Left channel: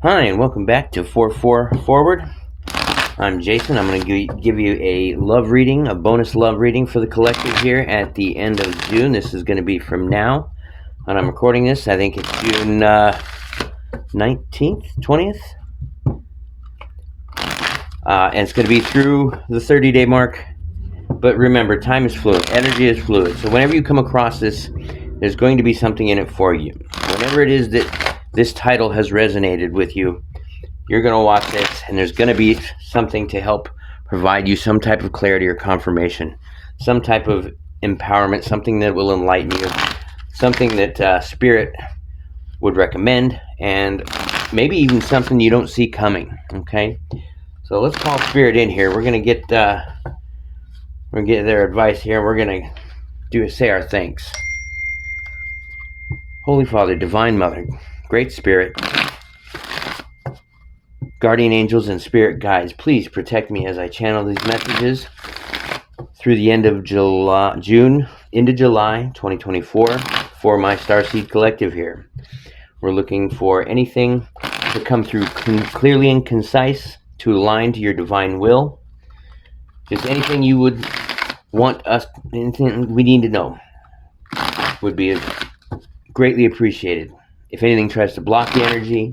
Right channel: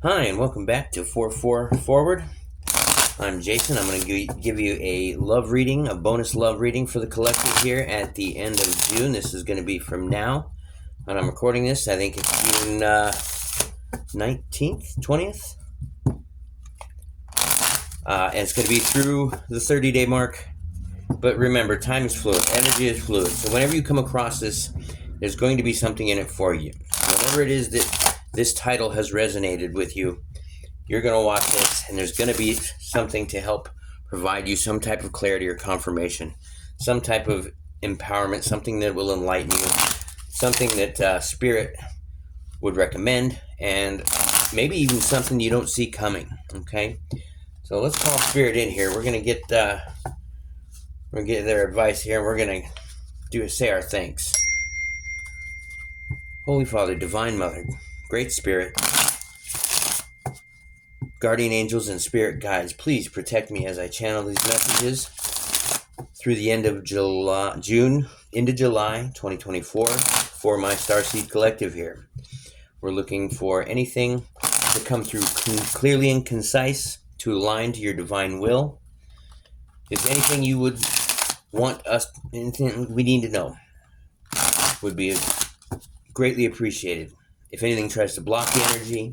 Hi, and welcome back to 4-4 Forward. I'm Jason. I'm going to give you a love reading, a bonus love reading for the collective here at the end of June. This is going to be from now, and I'm recording this. I think it's June 19th, 20th. And it's going to be through the 30-day mark. But remember, time is fluid. Energy is fluid. So whenever you come across this, there's going to be something in it for you. Whenever it is that this title has resonated with you, you're going to watch this, and there's going to be something to help provide you some type of clarity or confirmation, some type of empowerment, something that will enlighten you, something that Spirit would recommend, and maybe even something you don't see coming. Okay, so let's call Spirit in here. We're going to get their advice here, and we're going to say our thanks. Holy Father, Divine Mother, Great Spirit, guardian angels and spirit guides, please protect me as I channel these messages through the end of June into July 2024 for my Starseed Collective here. We're looking for anything to come through clearly and concise to align to your divine will. Just anything you would want us, anything we need to know would be greatly appreciated. If anything tries to block the energy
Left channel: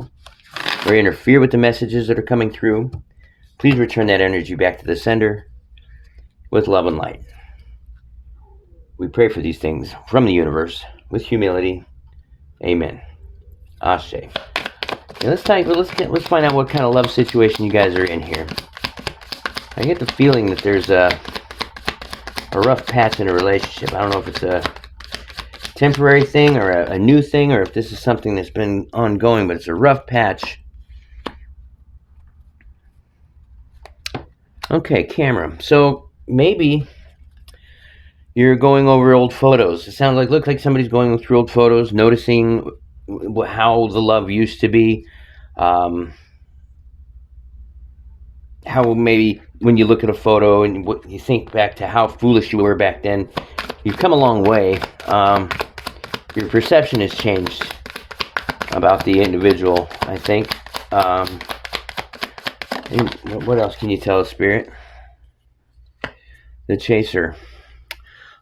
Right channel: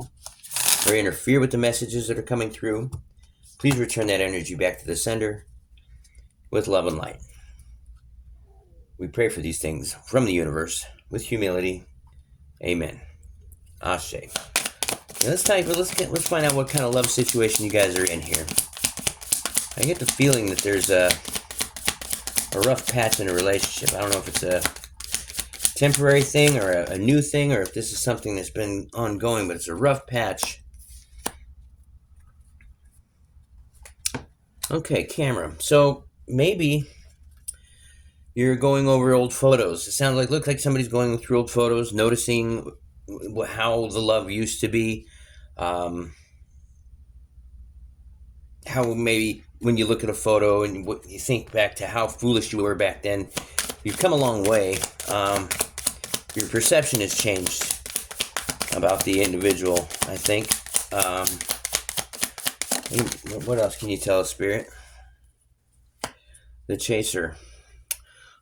or interfere with the messages that are coming through, please return that energy back to the sender with love and light. We pray for these things from the universe with humility. Amen. Ashe. Now let's find out what kind of love situation you guys are in here. I get the feeling that there's a rough patch in a relationship. I don't know if it's a temporary thing or a new thing, or if this is something that's been ongoing, but it's a rough patch. Okay, camera. So maybe you're going over old photos. It looks like somebody's going through old photos, noticing how the love used to be. How maybe when you look at a photo and you think back to how foolish you were back then, you've come a long way. Your perception has changed about the individual, I think. What else can you tell us, Spirit? The Chaser.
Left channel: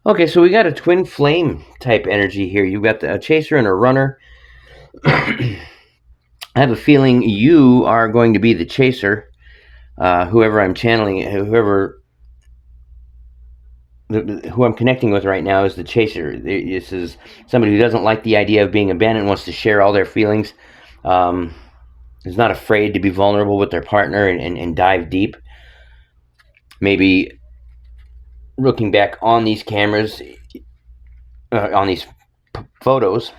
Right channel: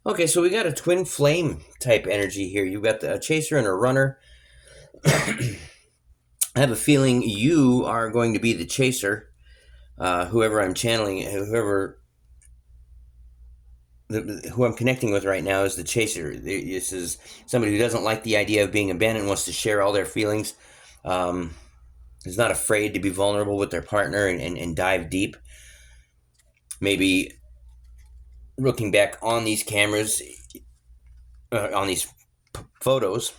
Okay, so we got a twin flame type energy here. You've got a Chaser and a Runner. I have a feeling you are going to be the Chaser. Whoever I'm channeling, who I'm connecting with right now is the Chaser. This is somebody who doesn't like the idea of being abandoned, wants to share all their feelings, is not afraid to be vulnerable with their partner and dive deep. Maybe looking back on these cameras, on these photos,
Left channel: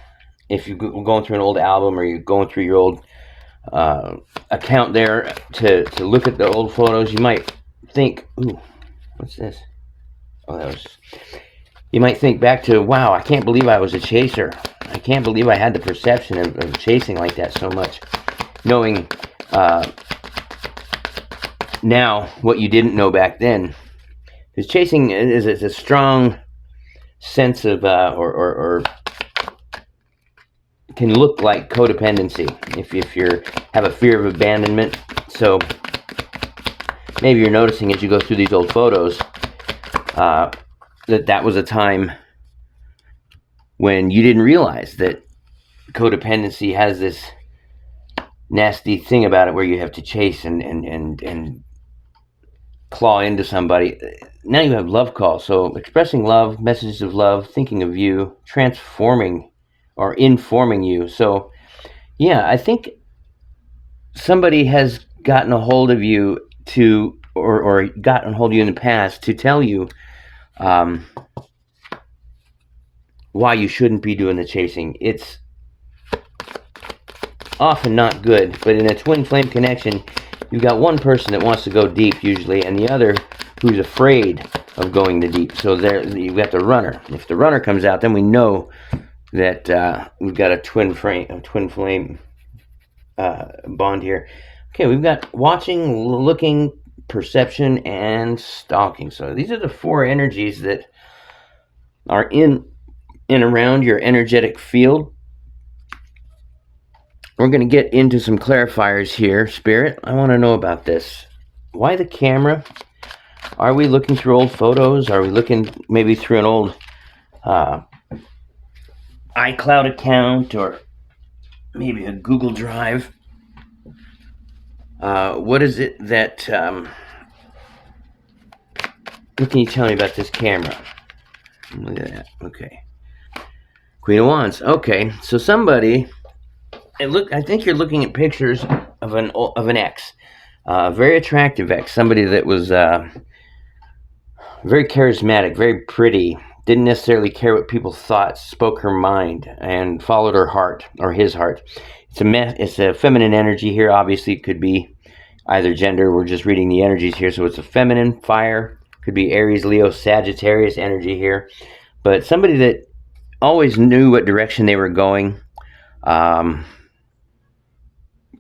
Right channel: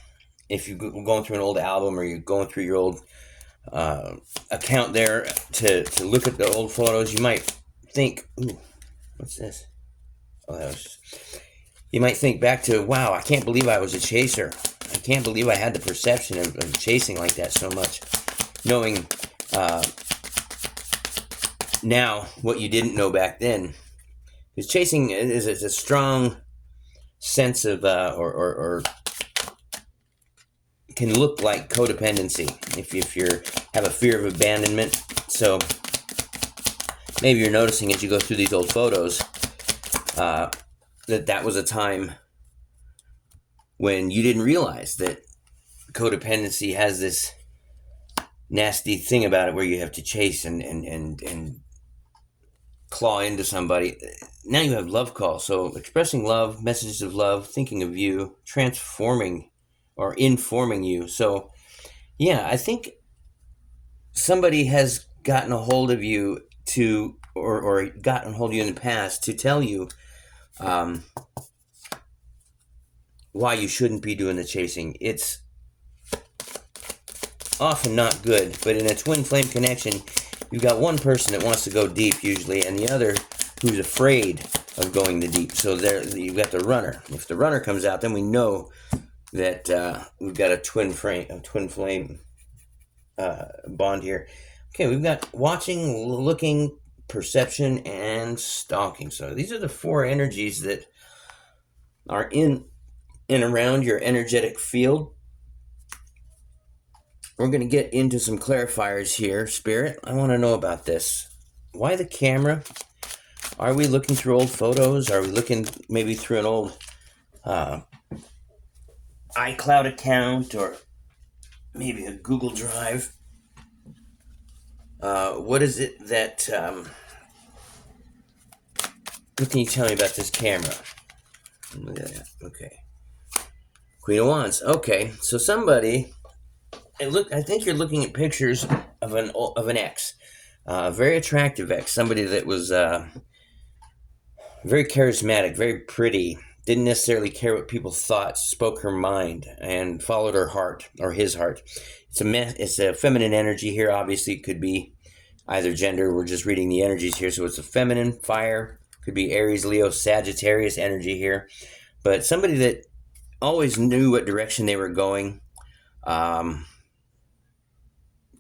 if you're going through an old album or you're going through your old account there to look at the old photos, you might think, ooh, what's this? Oh, you might think back to, wow, I can't believe I was a chaser. I can't believe I had the perception of chasing like that so much. Knowing now what you didn't know back then. Because chasing is a strong sense of, or can look like codependency if you have a fear of abandonment. So maybe you're noticing as you go through these old photos that was a time when you didn't realize that codependency has this nasty thing about it where you have to chase and claw into somebody. Now you have love calls. So expressing love, messages of love, thinking of you, transforming or informing you. So yeah, I think somebody has gotten a hold of you to, or gotten a hold of you in the past to tell you why you shouldn't be doing the chasing. It's often not good, but in a twin flame connection, you've got one person that wants to go deep usually, and the other who's afraid of going the deep. So there, you've got the runner. If the runner comes out, then we know that we've got a twin flame bond here. Okay, we've got watching, looking, perception, and stalking. So these are the four energies that are in and around your energetic field. we're going to get into some clarifiers here. Spirit, I want to know about this. Why the camera? Are we looking through old photos? Are we looking maybe through an old iCloud account or maybe a Google Drive? What is it that... what can you tell me about this camera? Look at that. Okay. Queen of Wands. Okay, so somebody... I think you're looking at pictures of an ex. Very attractive ex. Somebody that was... very charismatic, very pretty, didn't necessarily care what people thought, spoke her mind, and followed her heart, or his heart. It's a feminine energy here. Obviously, it could be either gender. We're just reading the energies here. So it's a feminine fire. Could be Aries, Leo, Sagittarius energy here. But somebody that always knew what direction they were going.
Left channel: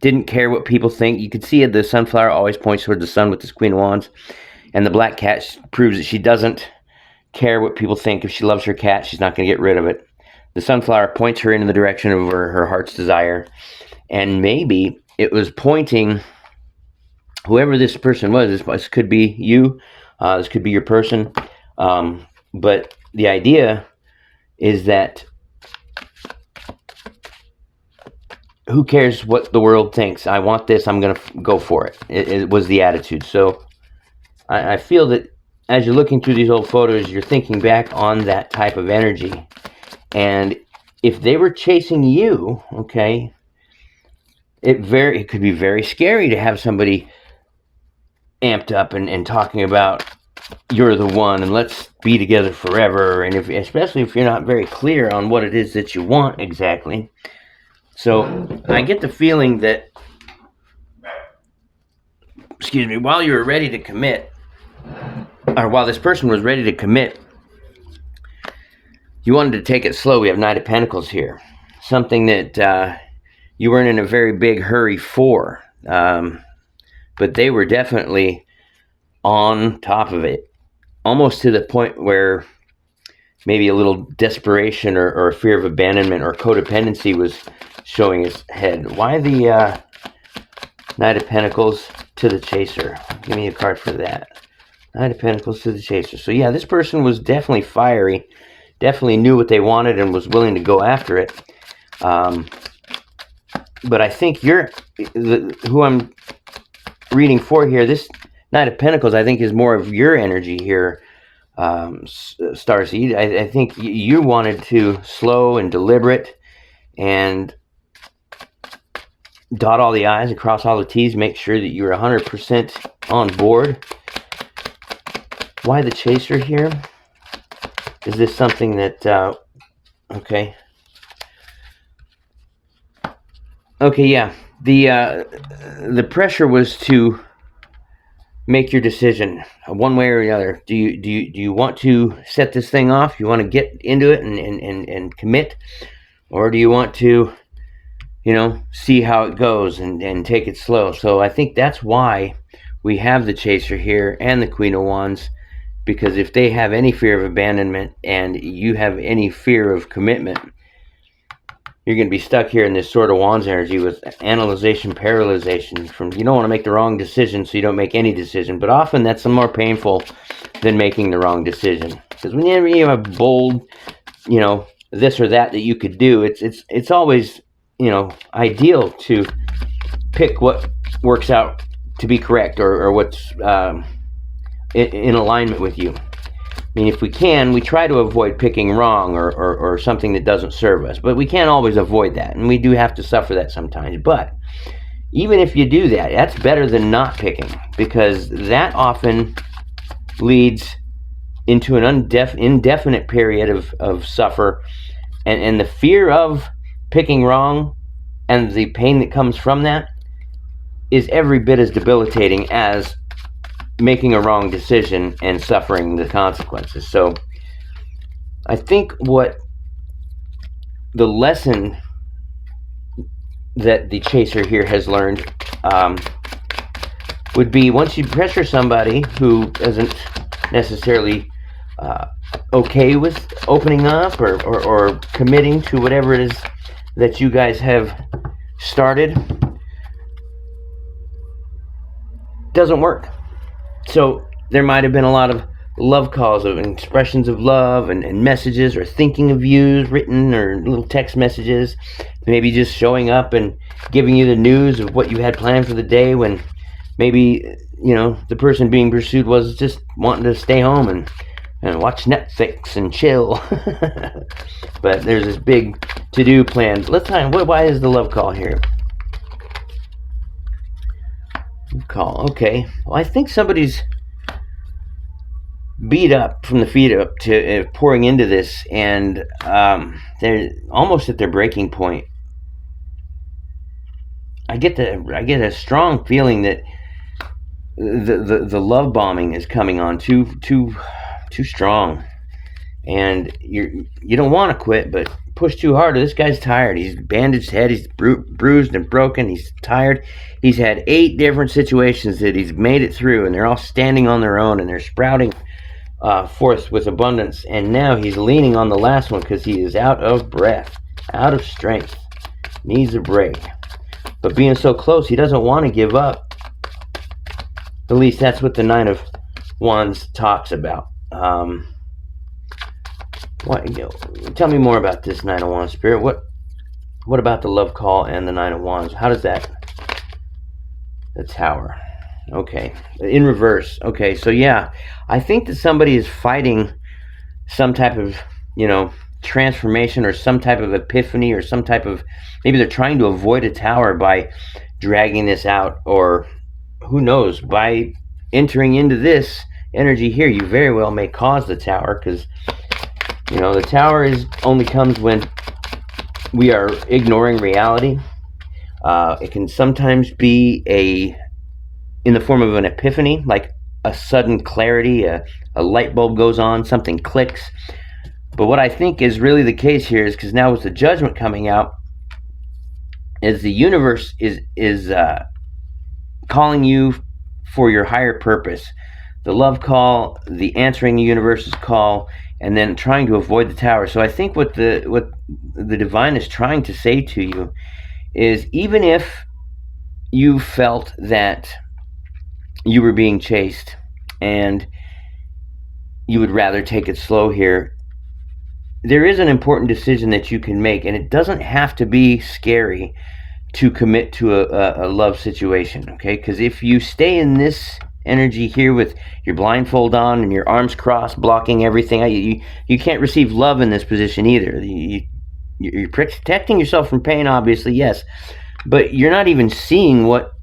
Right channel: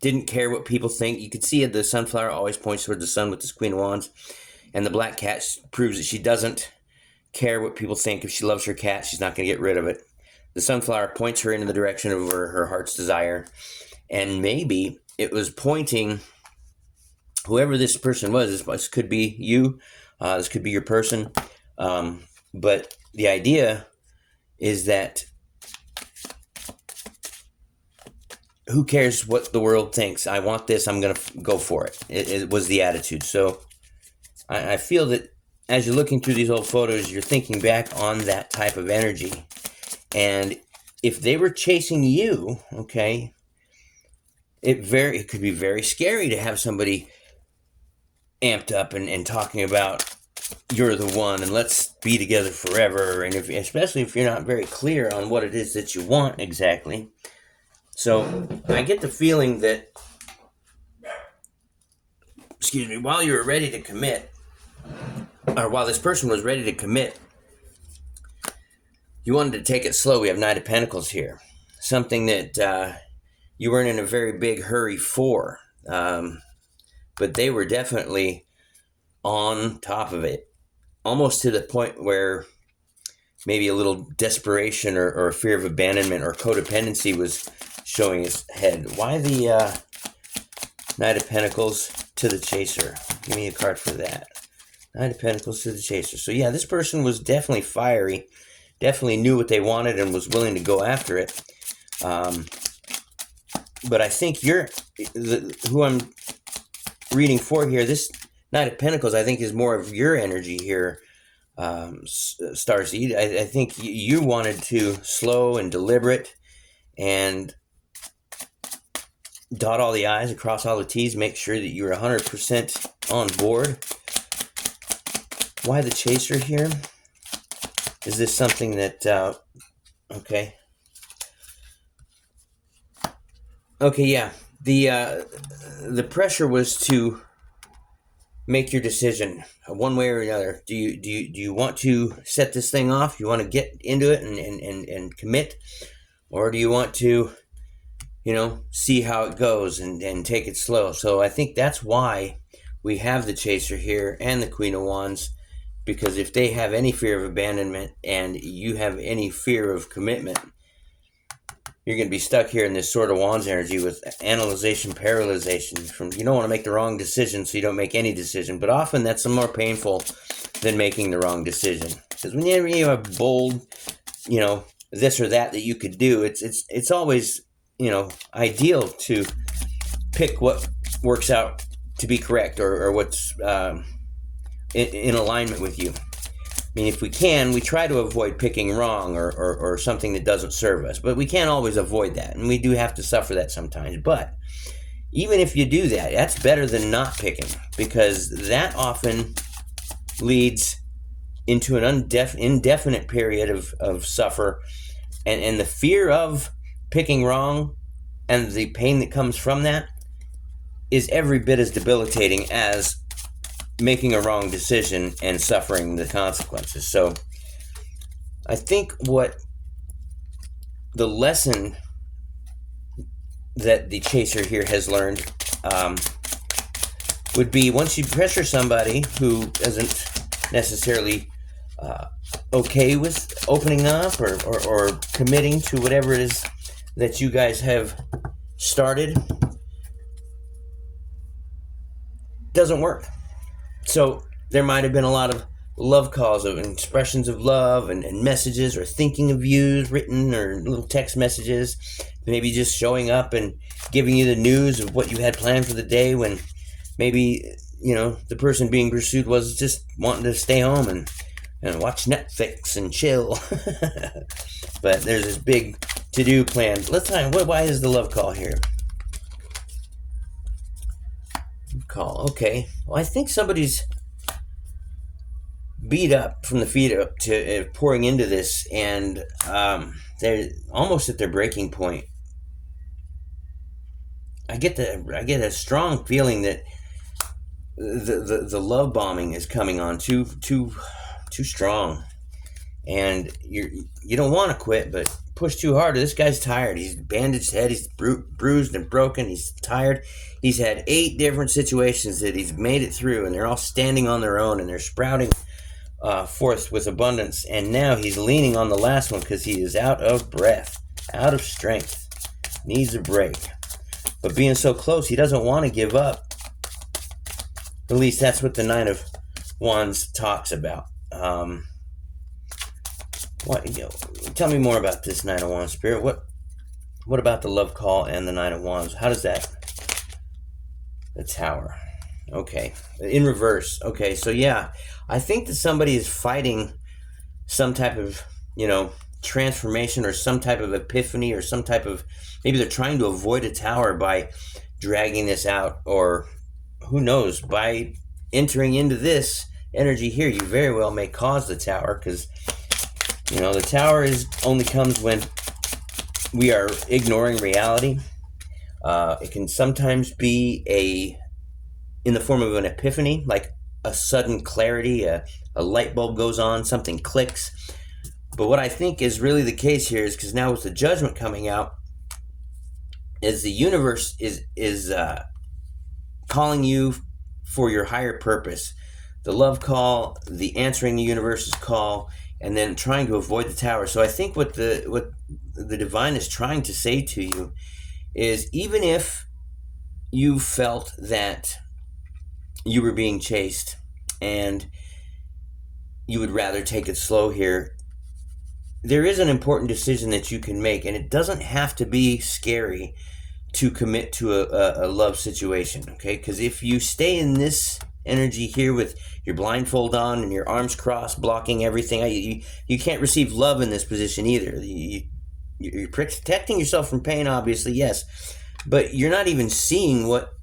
Didn't care what people think. You could see the sunflower always points toward the sun with this Queen of Wands. And the black cat proves that she doesn't care what people think. If she loves her cat, she's not going to get rid of it. The sunflower points her in the direction of her heart's desire. And maybe it was pointing, whoever this person was, this could be you, this could be your person. But the idea is that who cares what the world thinks? I want this, I'm going to go for it. It was the attitude. So I feel that as you're looking through these old photos, you're thinking back on that type of energy. And if they were chasing you, okay, it could be very scary to have somebody amped up and talking about you're the one and let's be together forever. And especially if you're not very clear on what it is that you want exactly. So I get the feeling that, while you were ready to commit, or while this person was ready to commit, you wanted to take it slow. We have Knight of Pentacles here. Something that you weren't in a very big hurry for. But they were definitely on top of it. Almost to the point where maybe a little desperation or a fear of abandonment or codependency was showing its head. Why the Knight of Pentacles to the Chaser? Give me a card for that. Knight of Pentacles to the Chaser. So yeah, this person was definitely fiery, definitely knew what they wanted and was willing to go after it. But I think who I'm reading for here, this Knight of Pentacles, I think is more of your energy here, Starseed. I think you wanted to slow and deliberate and dot all the I's and cross all the T's, make sure that you're 100% on board. Why the Chaser here? Is this something that, okay. Okay, yeah. The pressure was to make your decision one way or the other. Do you want to set this thing off? You want to get into it and commit? Or do you want to, see how it goes and take it slow? So I think that's why we have the Chaser here and the Queen of Wands. Because if they have any fear of abandonment and you have any fear of commitment, you're going to be stuck here in this Sword of Wands energy with analyzation, paralyzation. You don't want to make the wrong decision, so you don't make any decision. But often that's more painful than making the wrong decision. Because when you have bold, this or that you could do, it's always, ideal to pick what works out to be correct or what's in alignment with you. I mean, if we can, we try to avoid picking wrong or something that doesn't serve us. But we can't always avoid that, and we do have to suffer that sometimes. But even if you do that, that's better than not picking, because that often leads into an indefinite period of suffer. And the fear of picking wrong and the pain that comes from that is every bit as debilitating as making a wrong decision and suffering the consequences. So I think what the lesson that the Chaser here has learned would be, once you pressure somebody who isn't necessarily okay with opening up or committing to whatever it is that you guys have started doesn't work. So there might have been a lot of love calls of expressions of love and messages or thinking of yous written or little text messages, maybe just showing up and giving you the news of what you had planned for the day, when maybe, the person being pursued was just wanting to stay home and watch Netflix and chill. But there's this big to-do plan. Let's find, why is the love call here? Call. Okay. Well, I think somebody's beat up from the feet up to pouring into this, and they're almost at their breaking point. I get a strong feeling that the love bombing is coming on too strong, and you don't want to quit, but push too hard. This guy's tired. He's bandaged head. He's bruised and broken. He's tired. He's had 8 different situations that he's made it through, and they're all standing on their own, and they're sprouting forth with abundance. And now he's leaning on the last one because he is out of breath, out of strength, needs a break. But being so close, he doesn't want to give up. At least that's what the Nine of Wands talks about. Tell me more about this Nine of Wands, Spirit. What about the love call and the Nine of Wands? How does that? The Tower. Okay. In reverse. Okay, so yeah, I think that somebody is fighting some type of, transformation or some type of epiphany or some type of, maybe they're trying to avoid a tower by dragging this out, or who knows, by entering into this energy here, you very well may cause the tower, because the tower only comes when we are ignoring reality. It can sometimes be in the form of an epiphany, like a sudden clarity, a light bulb goes on, something clicks. But what I think is really the case here is, because now with the Judgment coming out, is the universe is calling you for your higher purpose. The love call, the answering the universe's call, and then trying to avoid the tower. So I think what the divine is trying to say to you is, even if you felt that you were being chased and you would rather take it slow here, there is an important decision that you can make, and it doesn't have to be scary to commit to a love situation, okay? Because if you stay in this energy here with your blindfold on and your arms crossed, blocking everything, you can't receive love in this position either. You're protecting yourself from pain, obviously, yes, but you're not even seeing what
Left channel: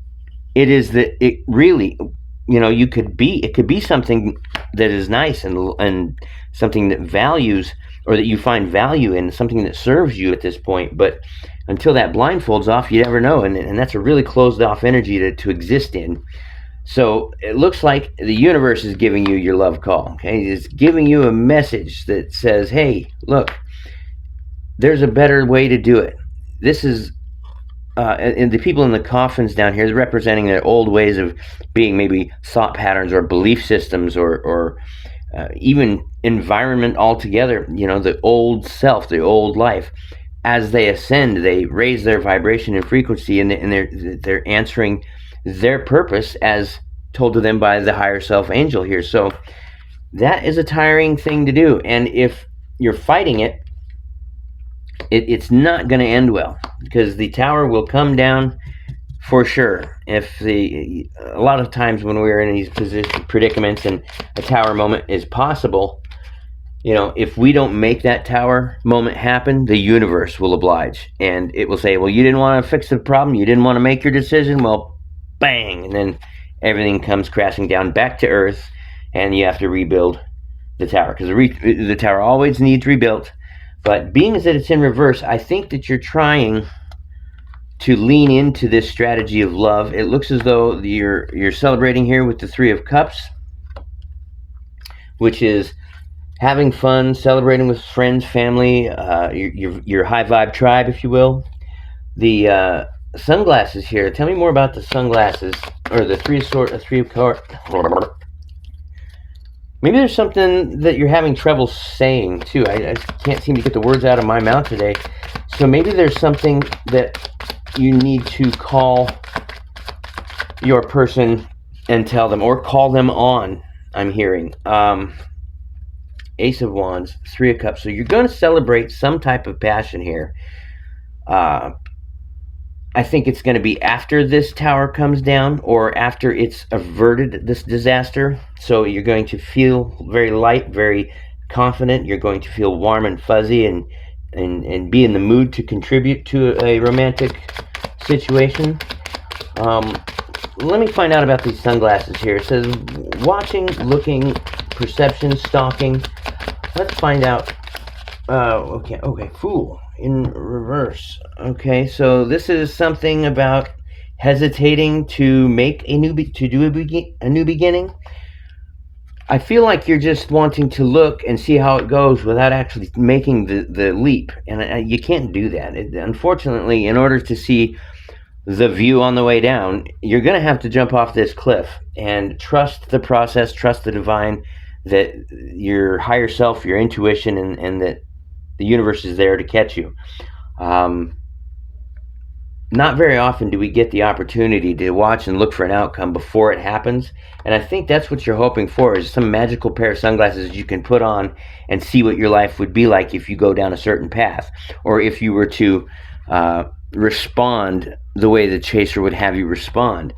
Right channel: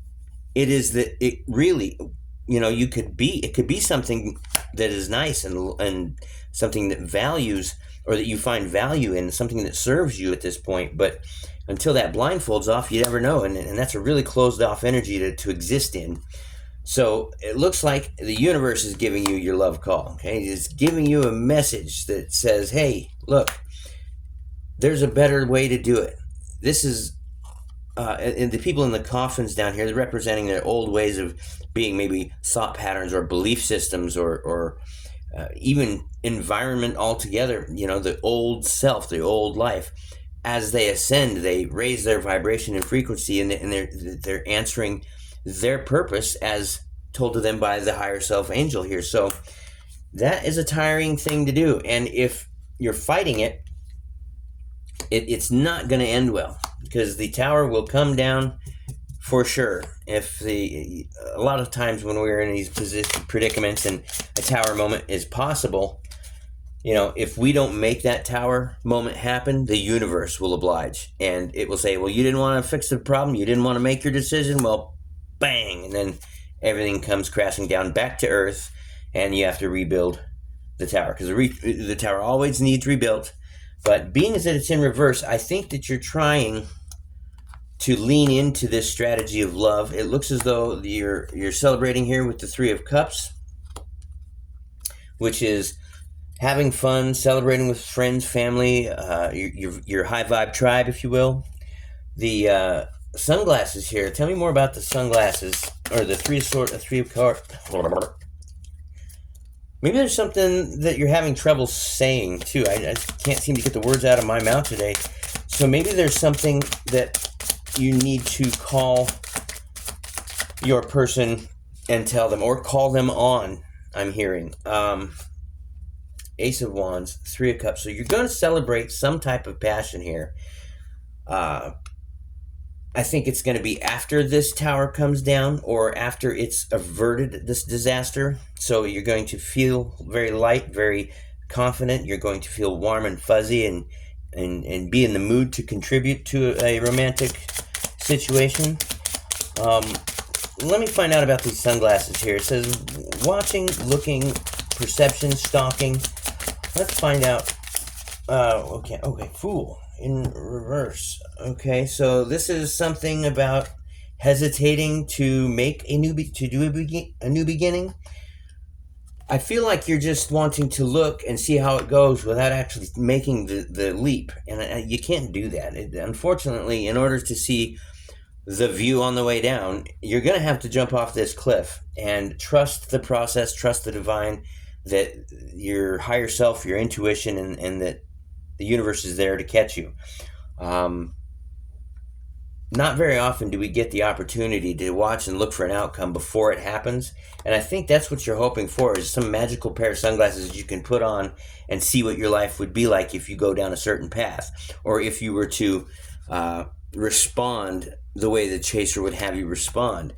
it is that it really, you could be. It could be something that is nice and something that values, or that you find value in, something that serves you at this point. But until that blindfold's off, you never know, and that's a really closed off energy to exist in. So it looks like the universe is giving you your love call, okay? It's giving you a message that says, hey, look, there's a better way to do it. This is, and the people in the coffins down here, they're representing their old ways of being, maybe thought patterns or belief systems, or even environment altogether, the old self, the old life. As they ascend, they raise their vibration and frequency, and they're answering their purpose as told to them by the higher self angel here. So that is a tiring thing to do, and if you're fighting it's not going to end well, because the tower will come down for sure. A lot of times when we're in these predicaments and a tower moment is possible, if we don't make that tower moment happen, the universe will oblige, and it will say, well, you didn't want to fix the problem, you didn't want to make your decision, well, bang, and then everything comes crashing down back to earth, and you have to rebuild the tower, because the tower always needs rebuilt. But being as that it's in reverse, I think that you're trying to lean into this strategy of love. It looks as though you're celebrating here with the Three of Cups, which is having fun, celebrating with friends, family, your high vibe tribe, if you will. The sunglasses here. Tell me more about the sunglasses, or the Three of Cups. Maybe there's something that you're having trouble saying too. I can't seem to get the words out of my mouth today. So maybe there's something that you need to call your person and tell them, or call them on. I'm hearing Ace of Wands, Three of Cups. So you're going to celebrate some type of passion here. I think it's going to be after this tower comes down, or after it's averted this disaster. So you're going to feel very light, very confident. You're going to feel warm and fuzzy, and be in the mood to contribute to a romantic situation. Let me find out about these sunglasses here. It says watching, looking, perception, stalking. Let's find out. Okay, Fool in reverse. Okay, so this is something about hesitating to make a new new beginning. I feel like you're just wanting to look and see how it goes without actually making the leap, and you can't do that. Unfortunately, in order to see the view on the way down, you're going to have to jump off this cliff and trust the process, trust the divine, that your higher self, your intuition, and that the universe is there to catch you. Not very often do we get the opportunity to watch and look for an outcome before it happens. And I think that's what you're hoping for, is some magical pair of sunglasses you can put on and see what your life would be like if you go down a certain path, or if you were to respond the way the chaser would have you respond.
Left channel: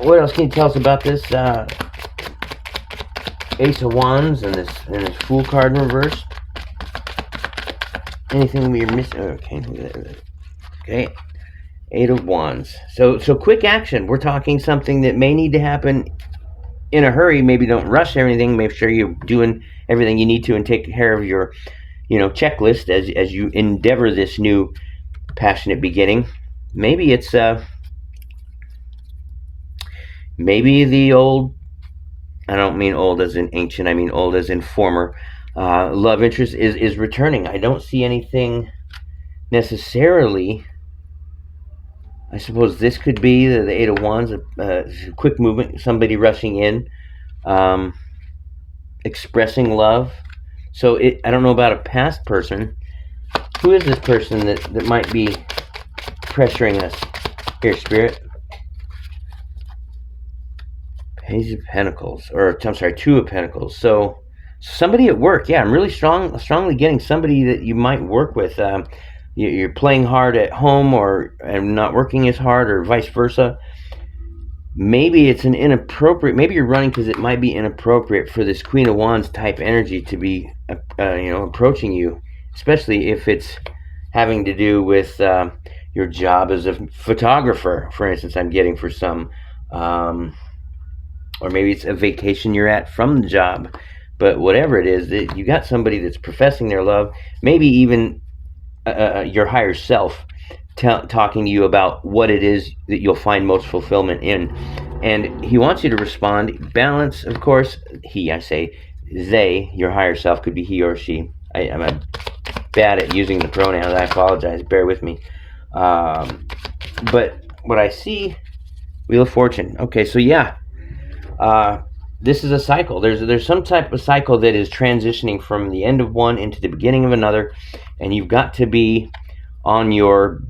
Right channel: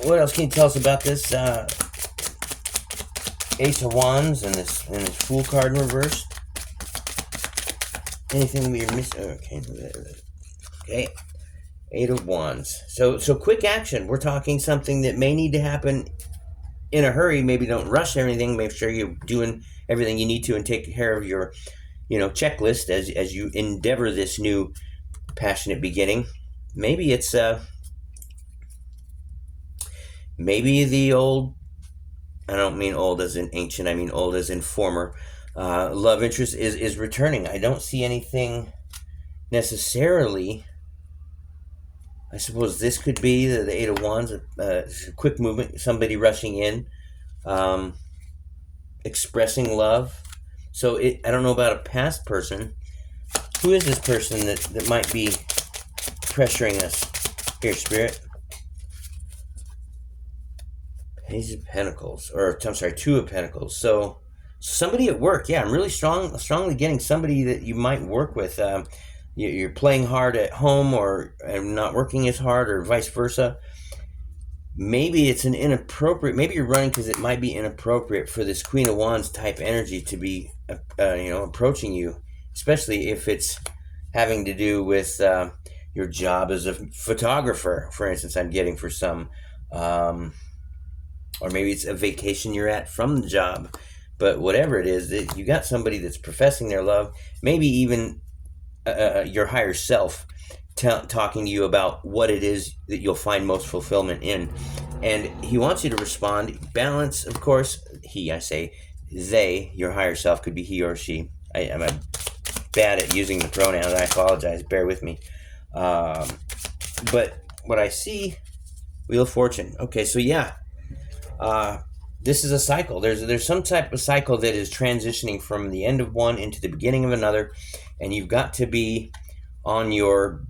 What else can you tell us about this Ace of Wands and this Fool card in reverse? Anything we're missing? Okay. Eight of Wands. So quick action. We're talking something that may need to happen in a hurry. Maybe don't rush everything. Make sure you're doing everything you need to and take care of your, checklist as you endeavor this new passionate beginning. Maybe it's maybe the old, I don't mean old as in ancient, I mean old as in former, love interest is returning. I don't see anything necessarily. I suppose this could be the Eight of Wands, quick movement, somebody rushing in, expressing love. So I don't know about a past person. Who is this person that might be pressuring us? Here, Spirit. Page of Pentacles, or I'm sorry, Two of Pentacles. So somebody at work. Yeah, I'm really strongly getting somebody that you might work with. You're playing hard at home, or not working as hard, or vice versa. Maybe it's an inappropriate. Maybe you're running because it might be inappropriate for this Queen of Wands type energy to be, approaching you, especially if it's having to do with your job as a photographer, for instance. I'm getting for some, or maybe it's a vacation you're at from the job. But whatever it is, you got somebody that's professing their love. Maybe even your higher self talking to you about what it is that you'll find most fulfillment in. And he wants you to respond. Balance, of course. I say they, your higher self, could be he or she. I'm bad at using the pronouns. I apologize. Bear with me. But what I see, Wheel of Fortune. Okay, so yeah. This is a cycle. There's some type of cycle that is transitioning from the end of one into the beginning of another, and you've got to be on your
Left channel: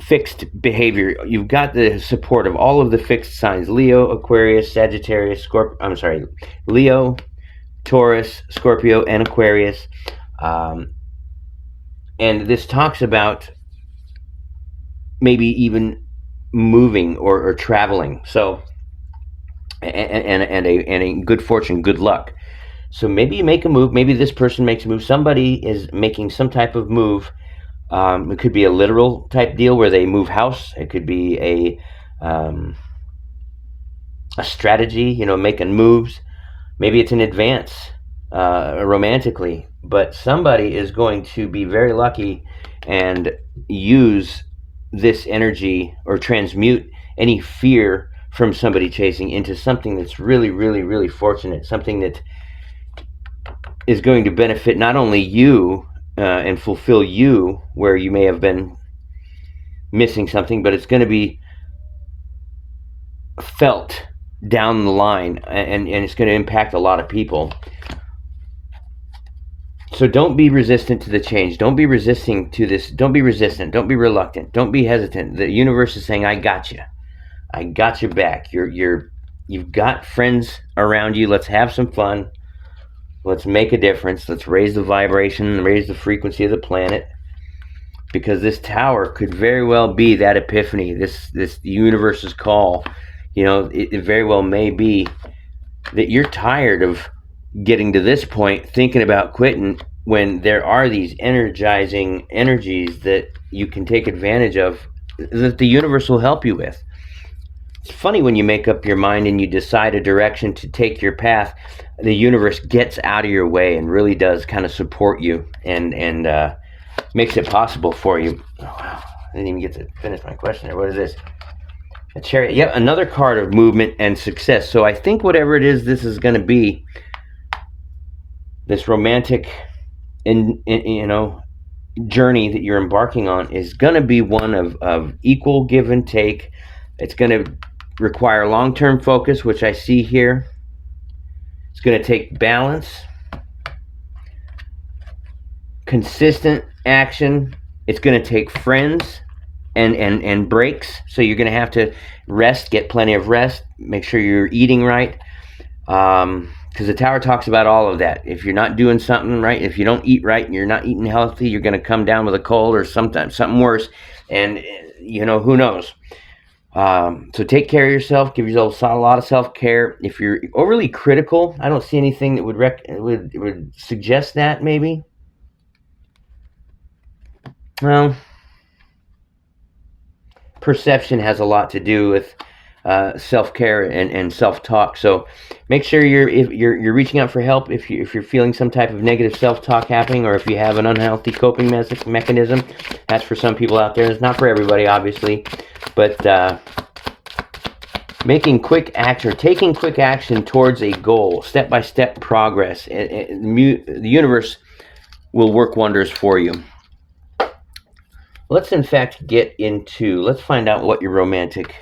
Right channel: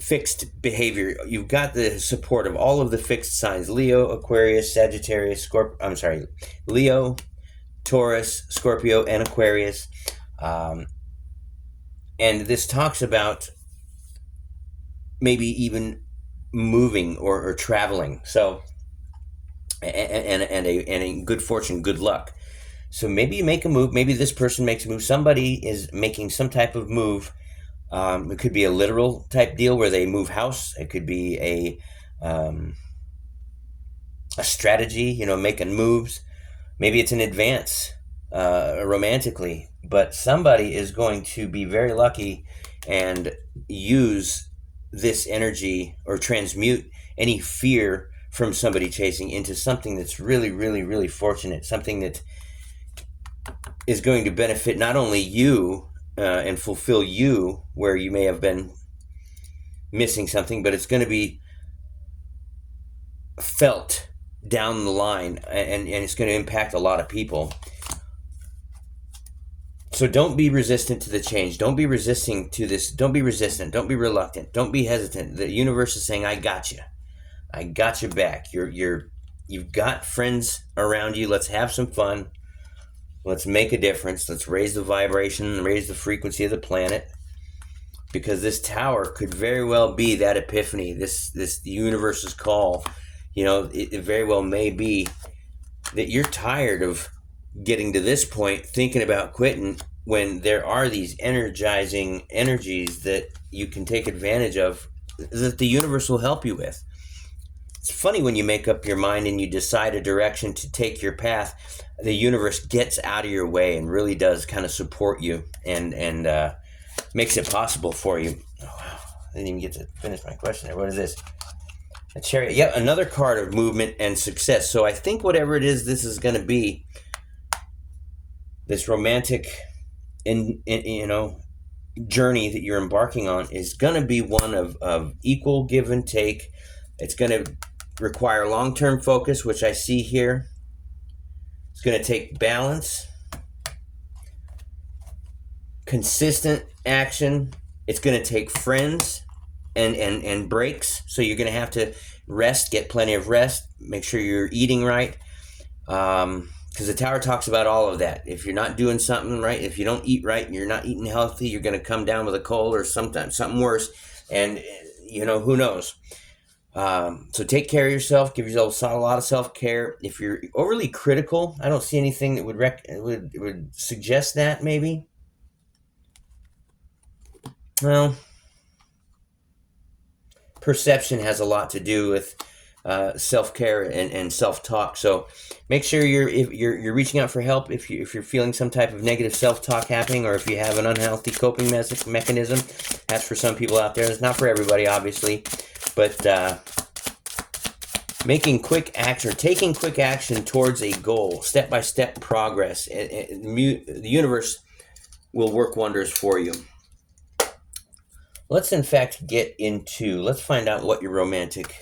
fixed behavior. You've got the support of all of the fixed signs: Leo, Aquarius, Sagittarius, Leo, Taurus, Scorpio, and Aquarius. And this talks about maybe even moving or traveling. So and a good fortune, good luck. So maybe you make a move. Maybe this person makes a move. Somebody is making some type of move. It could be a literal type deal where they move house. It could be a strategy, making moves. Maybe it's an advance romantically. But somebody is going to be very lucky and use this energy or transmute any fear from somebody chasing into something that's really, really, really fortunate, something that is going to benefit not only you and fulfill you where you may have been missing something, but it's going to be felt down the line, and it's going to impact a lot of people. So don't be resistant to the change. Don't be resisting to this. Don't be resistant. Don't be reluctant. Don't be hesitant. The universe is saying, "I got you. I got your back. You've got friends around you. Let's have some fun. Let's make a difference. Let's raise the vibration, raise the frequency of the planet." Because this tower could very well be that epiphany, this universe's call. It very well may be that you're tired of getting to this point, thinking about quitting, when there are these energizing energies that you can take advantage of, that the universe will help you with. It's funny when you make up your mind and you decide a direction to take your path, the universe gets out of your way and really does kind of support you and makes it possible for you. Oh, wow. I didn't even get to finish my question there. What is this? A Chariot. Yep, another card of movement and success. So I think whatever it is this is going to be, this romantic journey that you're embarking on, is going to be one of equal give and take. It's going to require long-term focus, which I see here. It's going to take balance, consistent action. It's going to take friends and breaks. So you're going to have to rest, get plenty of rest, make sure you're eating right. Because the tower talks about all of that. If you're not doing something right, if you don't eat right and you're not eating healthy, you're going to come down with a cold or sometimes something worse. And, who knows? So take care of yourself. Give yourself a lot of self-care. If you're overly critical, I don't see anything that would suggest that, maybe. Well, perception has a lot to do with self-care and self-talk. So make sure you're reaching out for help if you're feeling some type of negative self-talk happening, or if you have an unhealthy coping mechanism. That's for some people out there. It's not for everybody, obviously, but taking quick action towards a goal, step-by-step progress. The universe will work wonders for you. Let's in fact let's find out what your romantic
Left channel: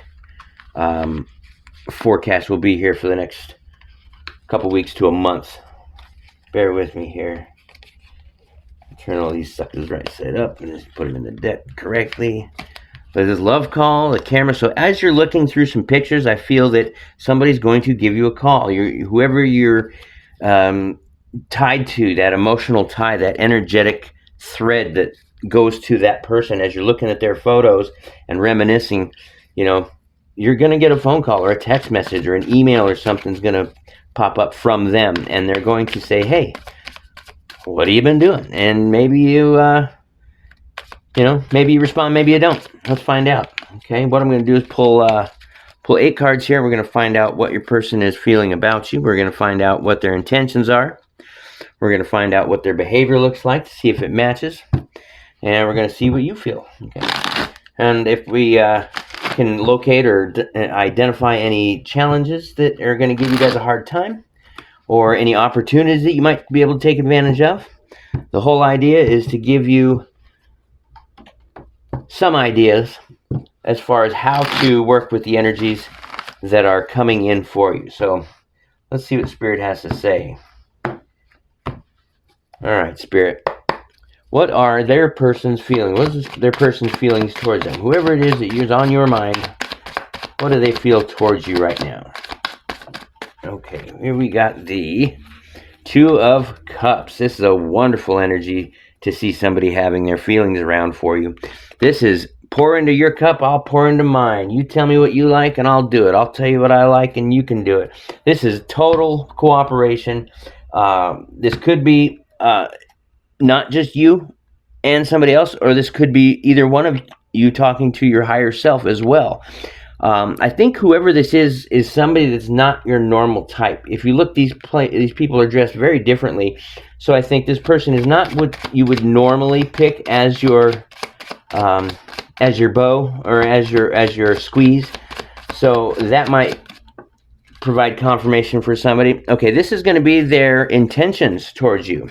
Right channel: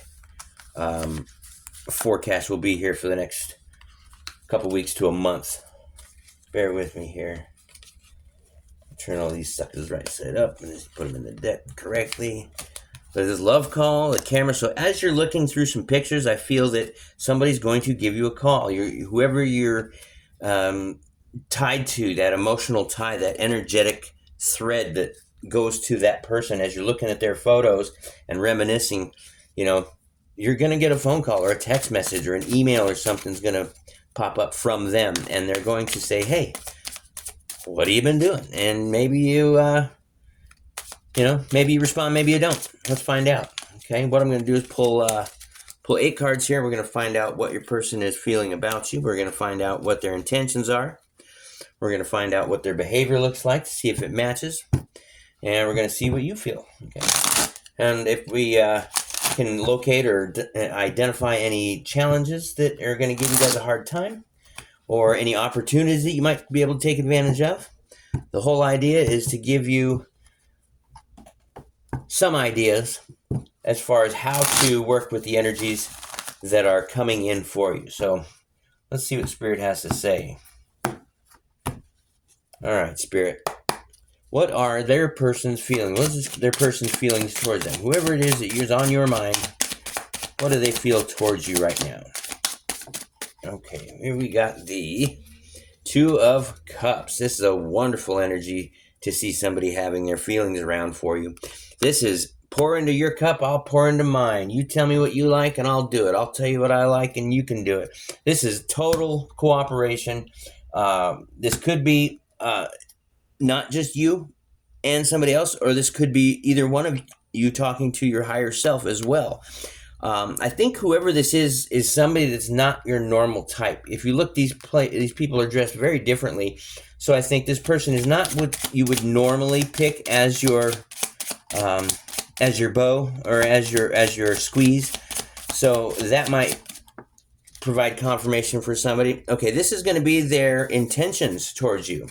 forecast will be here for the next couple weeks to a month. Bear with me here. Turn all these suckers right side up and just put them in the deck correctly. There's this love call, the camera. So as you're looking through some pictures, I feel that somebody's going to give you a call. Whoever you're tied to, that emotional tie, that energetic thread that goes to that person, as you're looking at their photos and reminiscing, you're going to get a phone call or a text message or an email or something's going to pop up from them, and they're going to say, "Hey, what have you been doing?" And maybe maybe you respond, maybe you don't. Let's find out. Okay, what I'm going to do is pull 8 cards here. We're going to find out what your person is feeling about you. We're going to find out what their intentions are. We're going to find out what their behavior looks like to see if it matches. And we're going to see what you feel. Okay. And if we can locate or identify any challenges that are going to give you guys a hard time, or any opportunities that you might be able to take advantage of, the whole idea is to give you some ideas as far as how to work with the energies that are coming in for you. So let's see what Spirit has to say. All right, Spirit. What are their person's feelings? What is their person's feelings towards them? Whoever it is that is on your mind, what do they feel towards you right now? Okay, here we got the 2 of Cups. This is a wonderful energy to see somebody having their feelings around for you. This is pour into your cup, I'll pour into mine. You tell me what you like and I'll do it. I'll tell you what I like and you can do it. This is total cooperation. This could be not just you and somebody else, or this could be either one of you talking to your higher self as well. I think whoever this is somebody that's not your normal type. If you look, these people are dressed very differently. So I think this person is not what you would normally pick as your bow or as your squeeze. So that might provide confirmation for somebody. Okay, this is going to be their intentions towards you.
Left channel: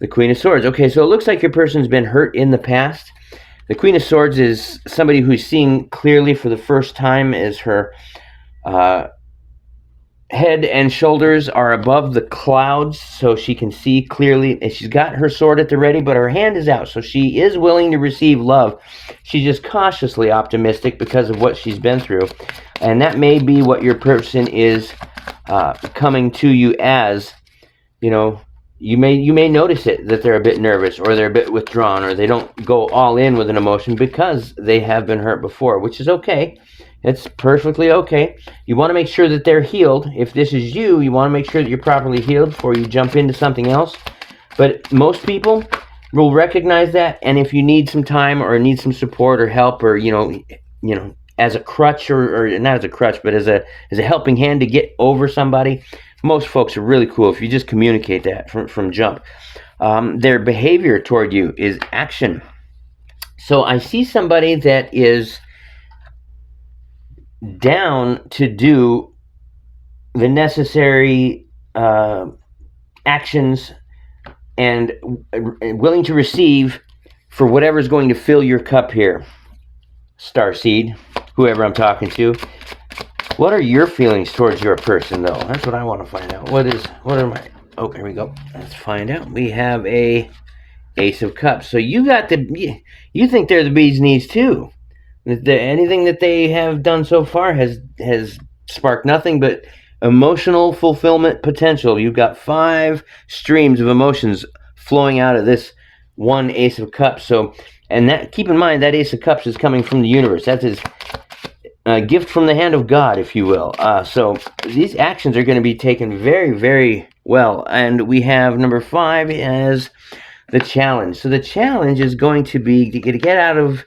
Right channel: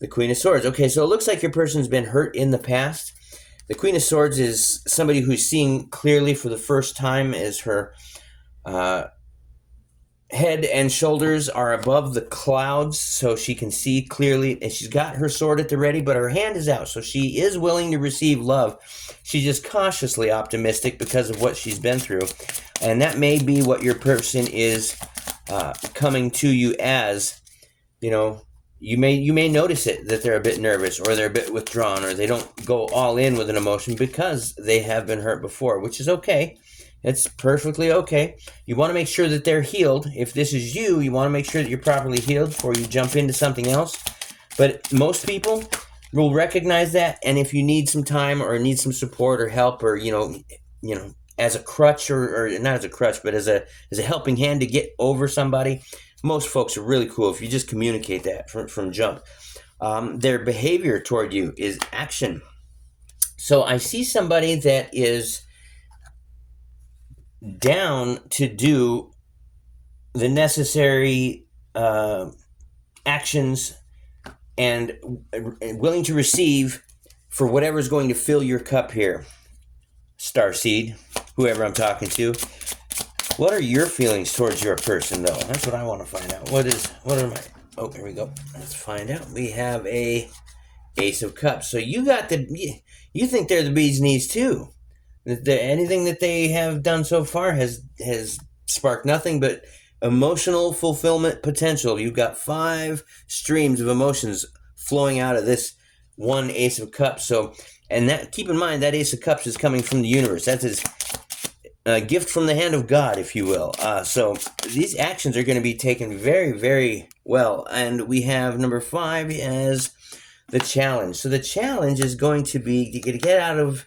The Queen of Swords. Okay, so it looks like your person's been hurt in the past. The Queen of Swords is somebody who's seeing clearly for the first time as her head and shoulders are above the clouds, so she can see clearly. And she's got her sword at the ready, but her hand is out, so she is willing to receive love. She's just cautiously optimistic because of what she's been through. And that may be what your person is coming to you as. You know, you may notice it, that they're a bit nervous, or they're a bit withdrawn, or they don't go all in with an emotion because they have been hurt before, which is okay. It's perfectly okay. You want to make sure that they're healed. If this is you, you want to make sure that you're properly healed before you jump into something else. But most people will recognize that, and if you need some time or need some support or help, or as a crutch, or not as a crutch, but as a helping hand to get over somebody, most folks are really cool if you just communicate that from jump. Their behavior toward you is action. So I see somebody that is down to do the necessary actions and willing to receive for whatever's going to fill your cup here. Starseed, whoever I'm talking to. What are your feelings towards your person, though? That's what I want to find out. What are my... Oh, here we go. Let's find out. We have a Ace of Cups. So you think they're the bee's knees, too. Anything that they have done so far has sparked nothing but emotional fulfillment potential. You've got 5 streams of emotions flowing out of this one Ace of Cups. So, and that, keep in mind, that Ace of Cups is coming from the universe. That's his gift from the hand of God, if you will. So these actions are going to be taken very, very well. And we have number 5 as the challenge. So the challenge is going to be to get out of,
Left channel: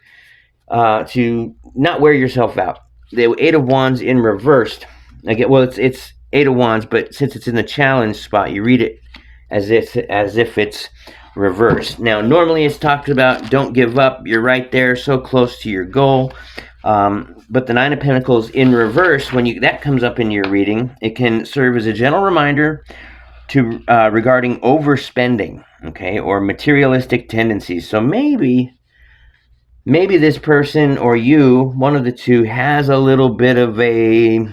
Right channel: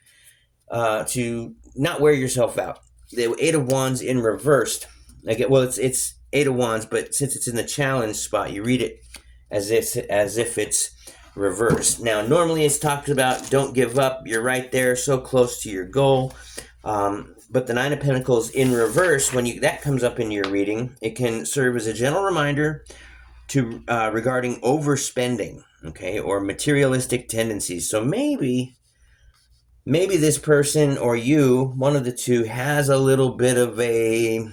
to not wear yourself out. The 8 of Wands in reversed. It's 8 of Wands, but since it's in the challenge spot, you read it as if it's reversed. Now, normally it's talked about don't give up. You're right there, so close to your goal. But the 9 of Pentacles in reverse, when that comes up in your reading, it can serve as a gentle reminder to regarding overspending, okay, or materialistic tendencies. So maybe this person or you, one of the two, has a little bit of a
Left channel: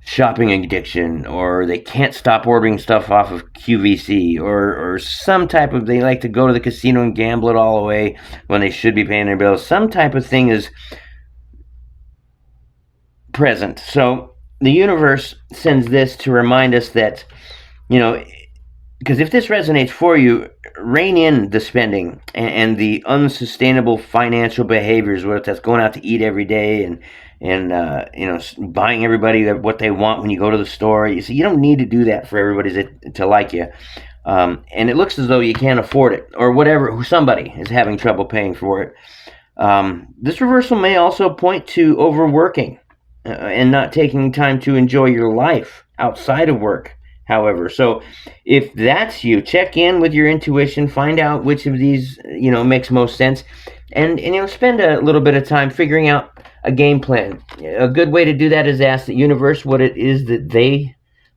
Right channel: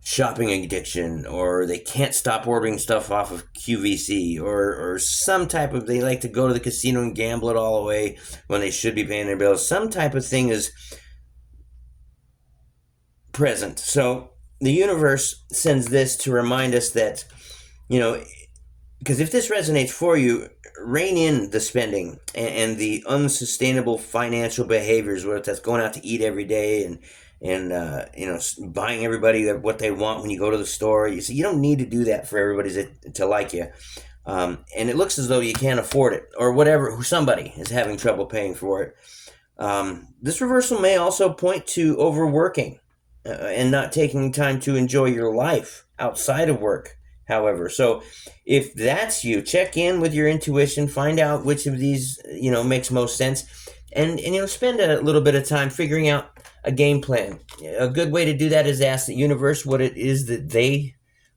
shopping addiction, or they can't stop ordering stuff off of QVC, or some type of, they like to go to the casino and gamble it all away when they should be paying their bills. Some type of thing is present. So the universe sends this to remind us that, because if this resonates for you, rein in the spending and the unsustainable financial behaviors, whether that's going out to eat every day and buying everybody what they want when you go to the store. You don't need to do that for everybody to like you. And it looks as though you can't afford it, or whatever, somebody is having trouble paying for it. This reversal may also point to overworking and not taking time to enjoy your life outside of work. However, so if that's you, check in with your intuition, find out which of these, makes most sense, and spend a little bit of time figuring out a game plan. A good way to do that is ask the universe what it is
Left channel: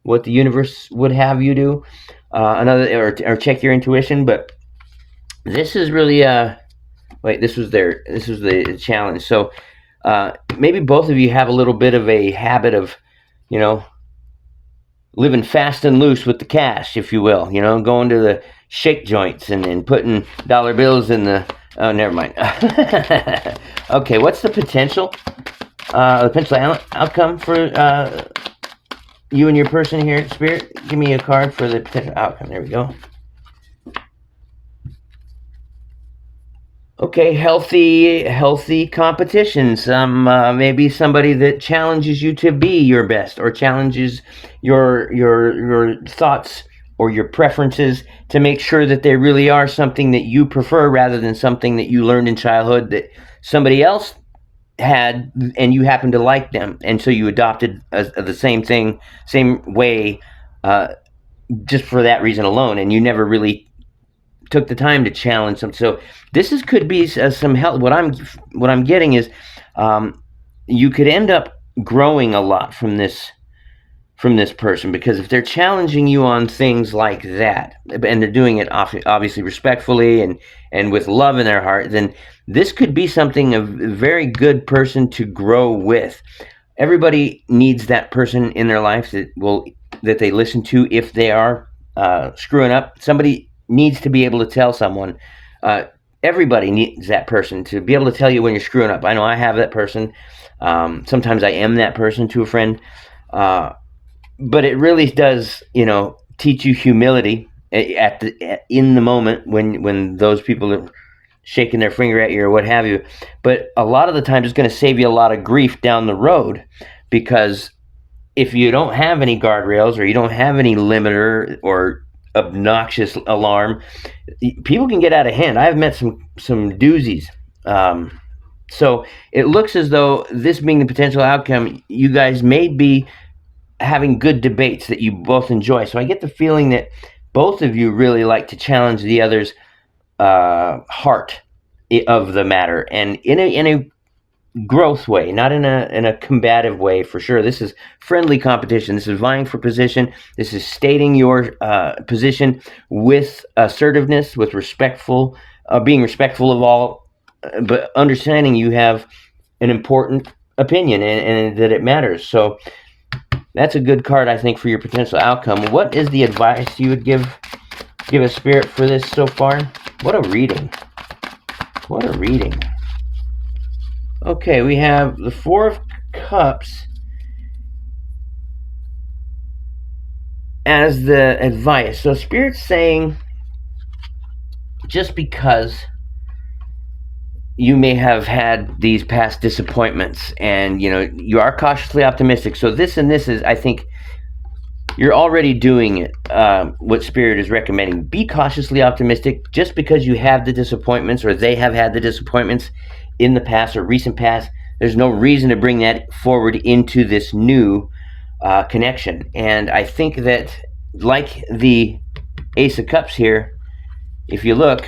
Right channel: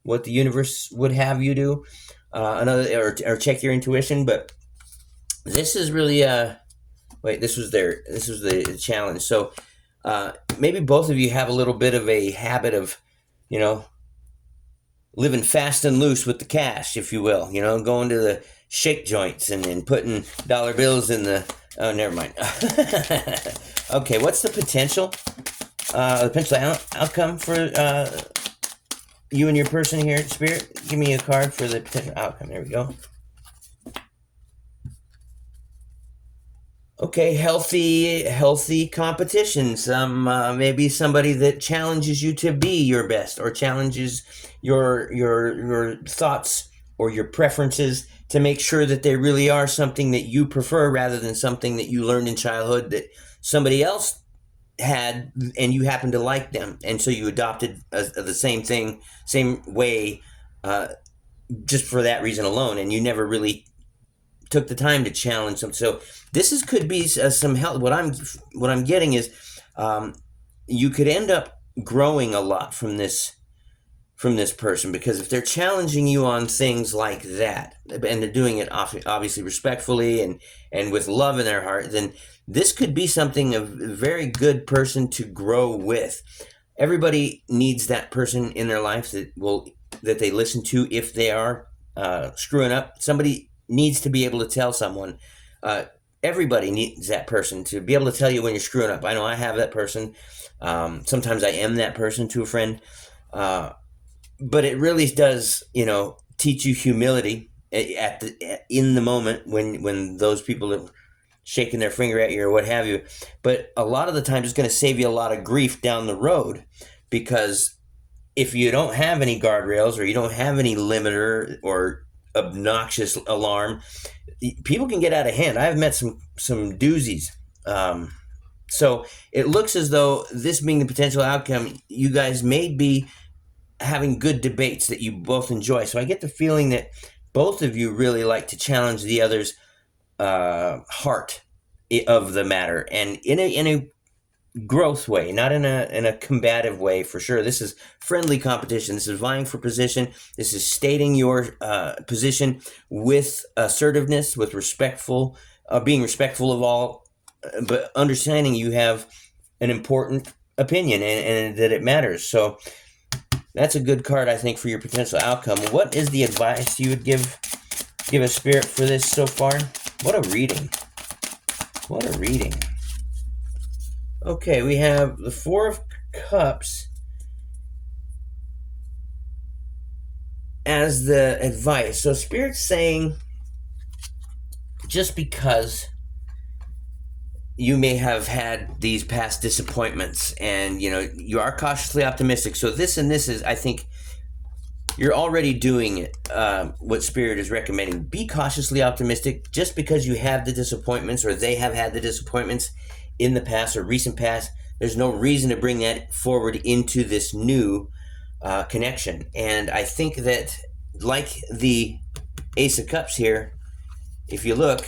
what the universe would have you do. Or check your intuition. But this is really this was the challenge. So maybe both of you have a little bit of a habit of, living fast and loose with the cash, if you will, going to the shake joints and putting dollar bills in the, oh, never mind. Okay, what's the potential outcome for you and your person here, Spirit? Give me a card for the potential outcome. There we go. Okay, healthy competitions. Maybe somebody that challenges you to be your best, or challenges your thoughts or your preferences to make sure that they really are something that you prefer, rather than something that you learned in childhood that somebody else had and you happened to like them, and so you adopted the same thing, same way, just for that reason alone, and you never really took the time to challenge them. So this could be some help. What I'm getting is, you could end up growing a lot from this person, because if they're challenging you on things like that, and they're doing it obviously respectfully and with love in their heart, then this could be something a very good person to grow with. everybody needs that person in their life that they listen to if they are screwing up. Somebody needs to be able to tell someone. Everybody needs that person to be able to tell you when you're screwing up. I know I have that person. Sometimes I am that person to a friend. But it really does, teach you humility in the moment when those people are shaking their finger at you or what have you. But a lot of the time, it's going to save you a lot of grief down the road, because if you don't have any guardrails or you don't have any limiter or obnoxious alarm, people can get out of hand. I've met some doozies. So it looks as though, this being the potential outcome, you guys may be having good debates that you both enjoy. So I get the feeling that both of you really like to challenge the other's heart of the matter, and in a growth way, not in a combative way, for sure. This is friendly competition. This is vying for position. This is stating your position with assertiveness, with being respectful of all, but understanding you have an important opinion and that it matters. So that's a good card, I think, for your potential outcome. What is the advice you would give a spirit for this so far? What a reading. What a reading. Okay, we have the Four of Cups as the advice. So Spirit's saying, just because you may have had these past disappointments and, you are cautiously optimistic. So this is, I think, you're already doing it, what Spirit is recommending. Be cautiously optimistic. Just because you have the disappointments, or they have had the disappointments in the past or recent past, there's no reason to bring that forward into this new connection. And I think that, like the Ace of Cups here, if you look,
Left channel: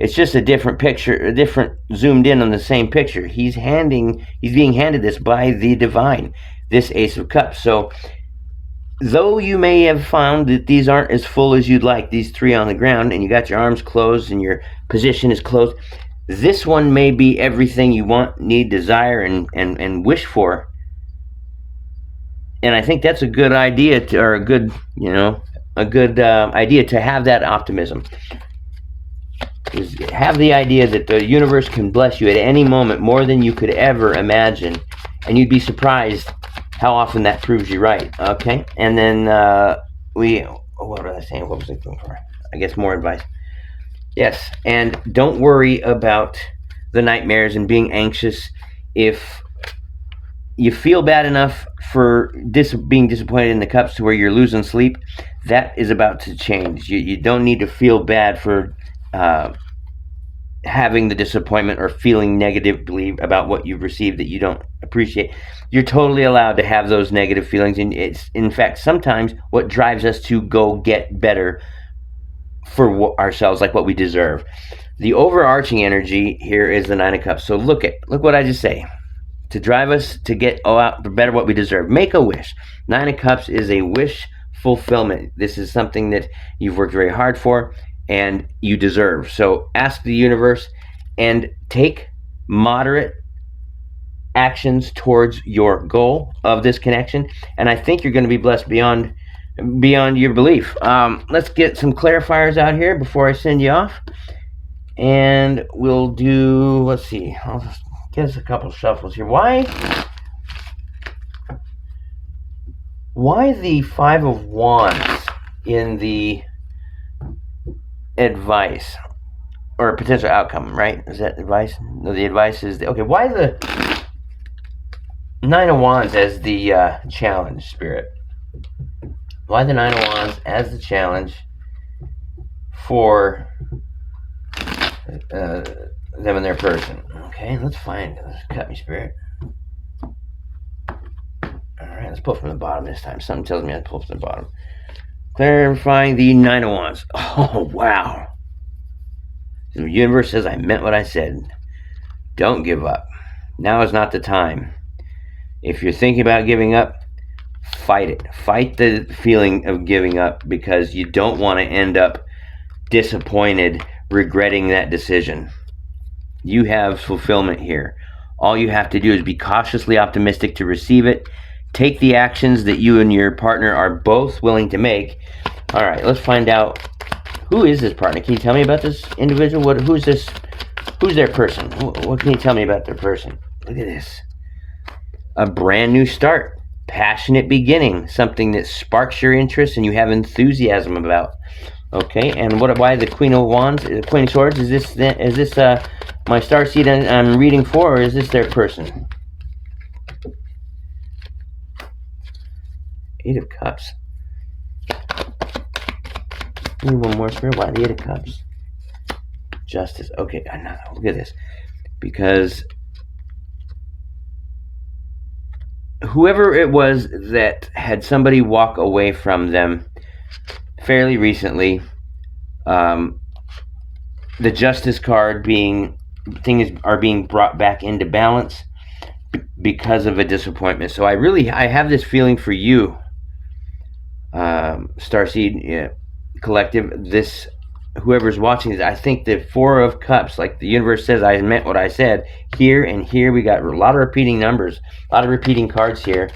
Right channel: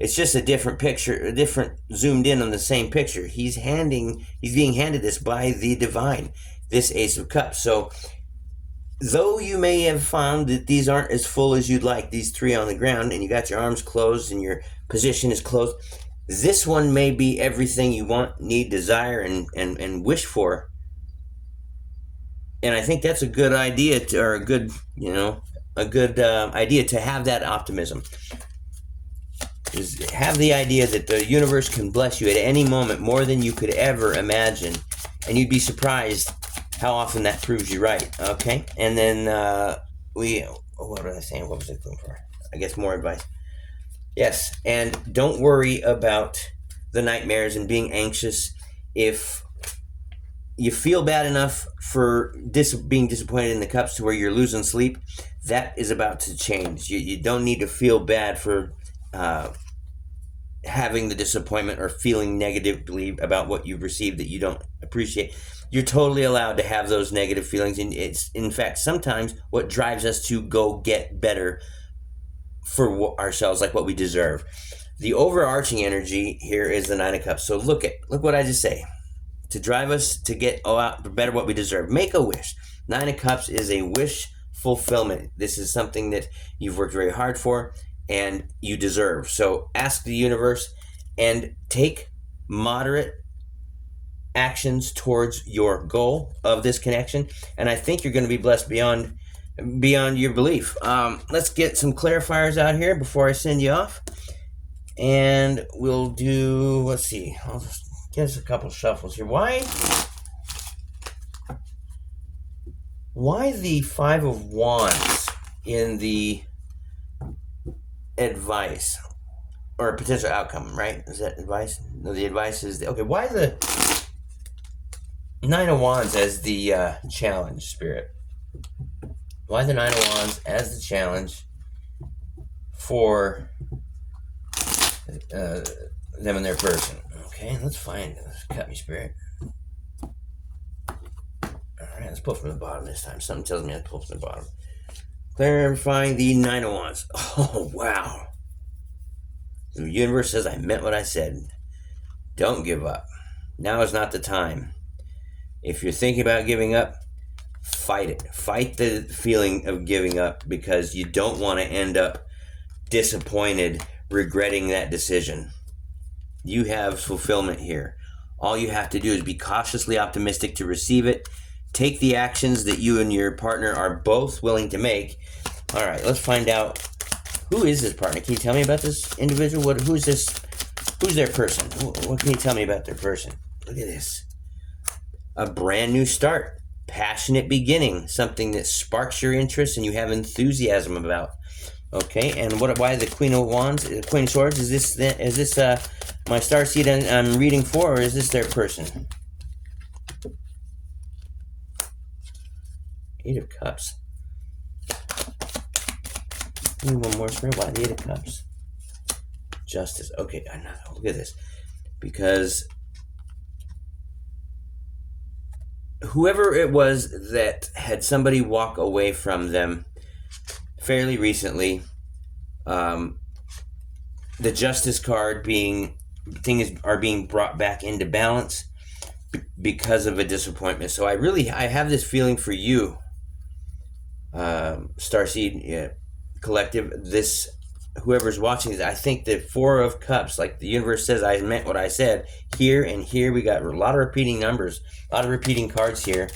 it's just a different picture, a different zoomed in on the same picture. He's being handed this by the divine, this Ace of Cups. So though you may have found that these aren't as full as you'd like, these three on the ground, and you got your arms closed and your position is closed, this one may be everything you want, need, desire, and wish for. And I think that's a good idea idea to have that optimism. Is have the idea that the universe can bless you at any moment more than you could ever imagine, and you'd be surprised how often that proves you right. Okay, and then what was I saying? What was I looking for? I guess more advice. Yes, and don't worry about the nightmares and being anxious. If you feel bad enough for being disappointed in the cups to where you're losing sleep, that is about to change. You don't need to feel bad for having the disappointment or feeling negatively about what you've received that you don't appreciate. You're totally allowed to have those negative feelings, and it's, in fact, sometimes what drives us to go get better for ourselves, like what we deserve. The overarching energy here is the Nine of Cups. So look what I just say. To drive us to get out better what we deserve. Make a wish. Nine of Cups is a wish fulfillment. This is something that you've worked very hard for and you deserve. So ask the universe and take moderate actions towards your goal of this connection, and I think you're going to be blessed beyond your belief. Let's get some clarifiers out here before I send you off, and we'll do, let's see, I'll just give us a couple shuffles here. Why the Five of Wands in the advice or potential outcome, right? Is that advice? No, the advice is okay. Why the Nine of Wands as the challenge, Spirit? Why the Nine of Wands as the challenge for them and their person? Okay, let's cut me, Spirit. Alright, let's pull from the bottom this time. Something tells me I pull from the bottom. Clarifying the Nine of Wands. Oh, wow. The universe says I meant what I said. Don't give up. Now is not the time. If you're thinking about giving up, fight it. Fight the feeling of giving up, because you don't want to end up disappointed, regretting that decision. You have fulfillment here. All you have to do is be cautiously optimistic to receive it. Take the actions that you and your partner are both willing to make. All right, let's find out, who is this partner? Can you tell me about this individual? Who's this? Who's their person? What can you tell me about their person? Look at this. A brand new start, passionate beginning, something that sparks your interest and you have enthusiasm about. Okay, and why the Queen of Wands, Queen of Swords? Is this my starseed I'm reading for, or is this their person? Eight of Cups. Need one more, Spirit. Why the Eight of Cups? Justice. Okay, look at this. Because whoever it was that had somebody walk away from them fairly recently, the Justice card are being brought back into balance because of a disappointment. So I have this feeling for you, Starseed Collective. This, whoever's watching this, I think the Four of Cups, like the universe says, I meant what I said. Here and here, we got a lot of repeating numbers, a lot of repeating cards here.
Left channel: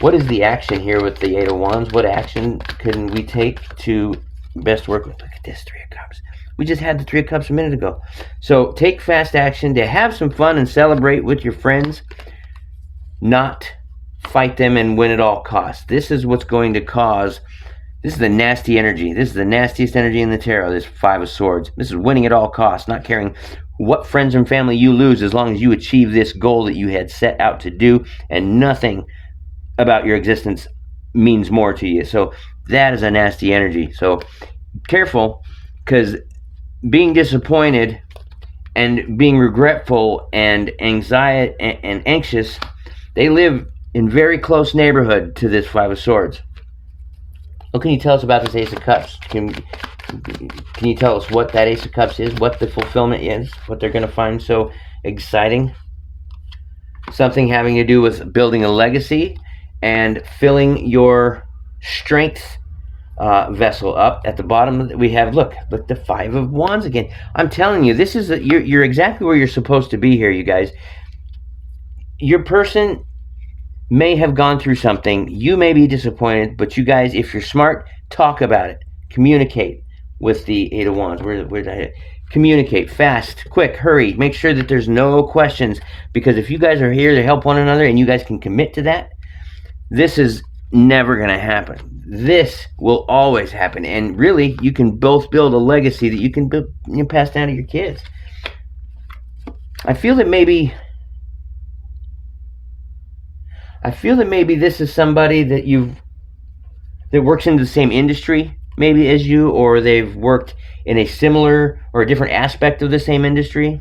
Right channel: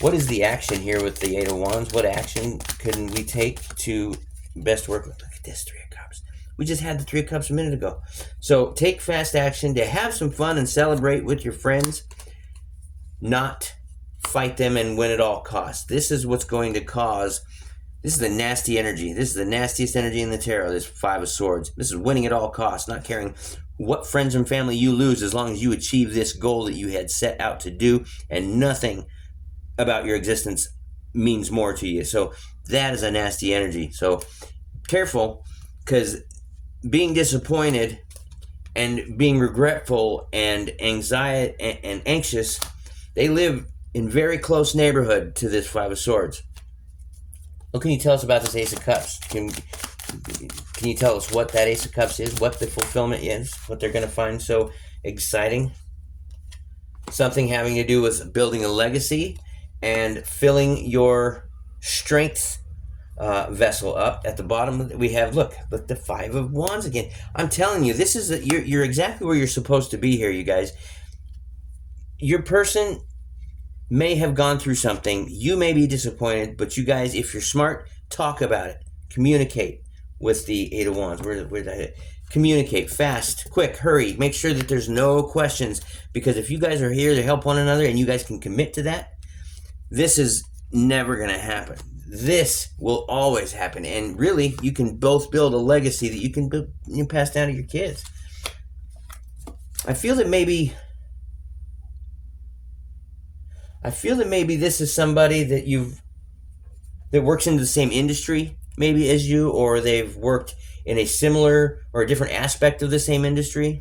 What is the action here with the Eight of Wands? What action can we take to best work with? Look at this, Three of Cups. We just had the Three of Cups a minute ago. So take fast action to have some fun and celebrate with your friends, not fight them and win at all costs. This is what's going to cause, this is the nasty energy. This is the nastiest energy in the tarot, this Five of Swords. This is winning at all costs, not caring what friends and family you lose as long as you achieve this goal that you had set out to do, and nothing about your existence means more to you. So that is a nasty energy. So careful, because being disappointed and being regretful and anxiety and anxious, they live in very close neighborhood to this Five of Swords. What can you tell us about this Ace of Cups? Can you tell us what that Ace of Cups is, what the fulfillment is, what they're going to find so exciting? Something having to do with building a legacy and filling your strength vessel up. At the bottom we have, look, the Five of Wands again. I'm telling you, this is you're exactly where you're supposed to be here, you guys. Your person may have gone through something. You may be disappointed, but you guys, if you're smart, talk about it. Communicate with the Eight of Wands. Where did I communicate fast, quick, hurry. Make sure that there's no questions, because if you guys are here to help one another and you guys can commit to that, this is never going to happen. This will always happen. And really, you can both build a legacy that you can pass down to your kids. I feel that maybe this is somebody that works in the same industry maybe as you, or they've worked in a similar or a different aspect of the same industry.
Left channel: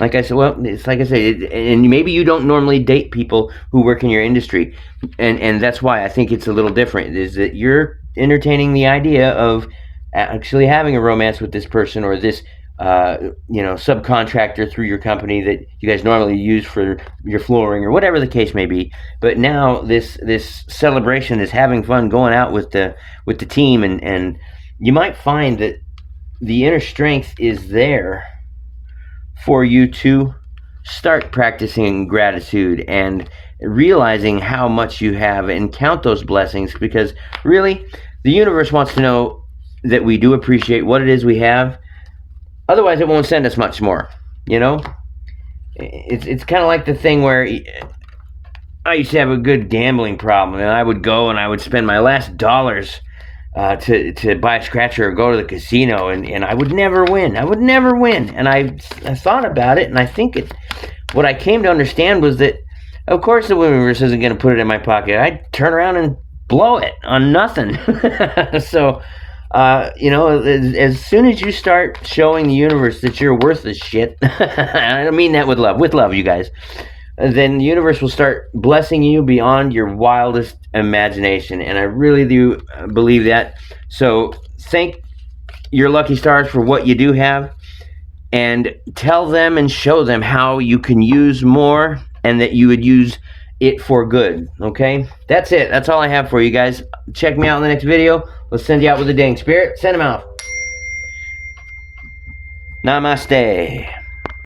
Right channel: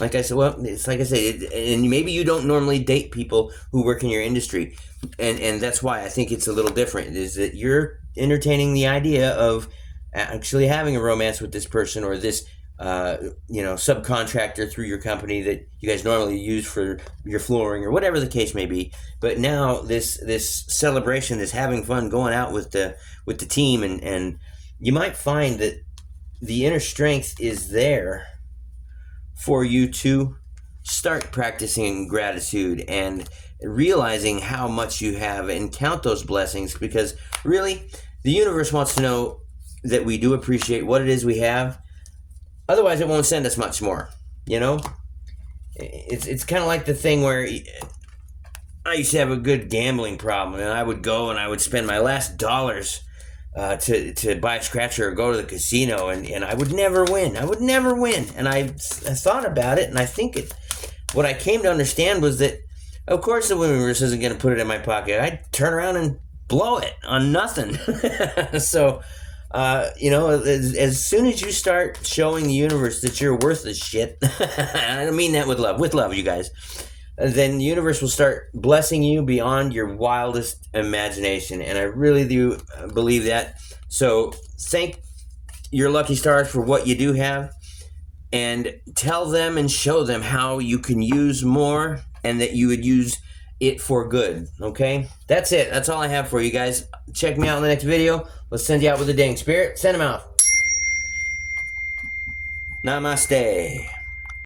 Like I said, well, it's like I said, and maybe you don't normally date people who work in your industry, and that's why I think it's a little different, is that you're entertaining the idea of actually having a romance with this person, or this subcontractor through your company that you guys normally use for your flooring or whatever the case may be. But now this celebration is having fun, going out with the team, and you might find that the inner strength is there for you to start practicing gratitude and realizing how much you have and count those blessings, because really the universe wants to know that we do appreciate what it is we have. Otherwise it won't send us much more. It's kind of like the thing where I used to have a good gambling problem, and I would go and I would spend my last dollars to buy a scratcher or go to the casino, and I would never win. And I thought about it, and I think what I came to understand was that, of course, the universe isn't going to put it in my pocket. I'd turn around and blow it on nothing. So, as soon as you start showing the universe that you're worthless shit, I don't mean that with love, you guys, then the universe will start blessing you beyond your wildest imagination. And I really do believe that. So thank your lucky stars for what you do have, and tell them and show them how you can use more, and that you would use it for good. Okay, that's it. That's all I have for you guys. Check me out in the next video. Let's send you out with a dang spirit. Send them out. Namaste.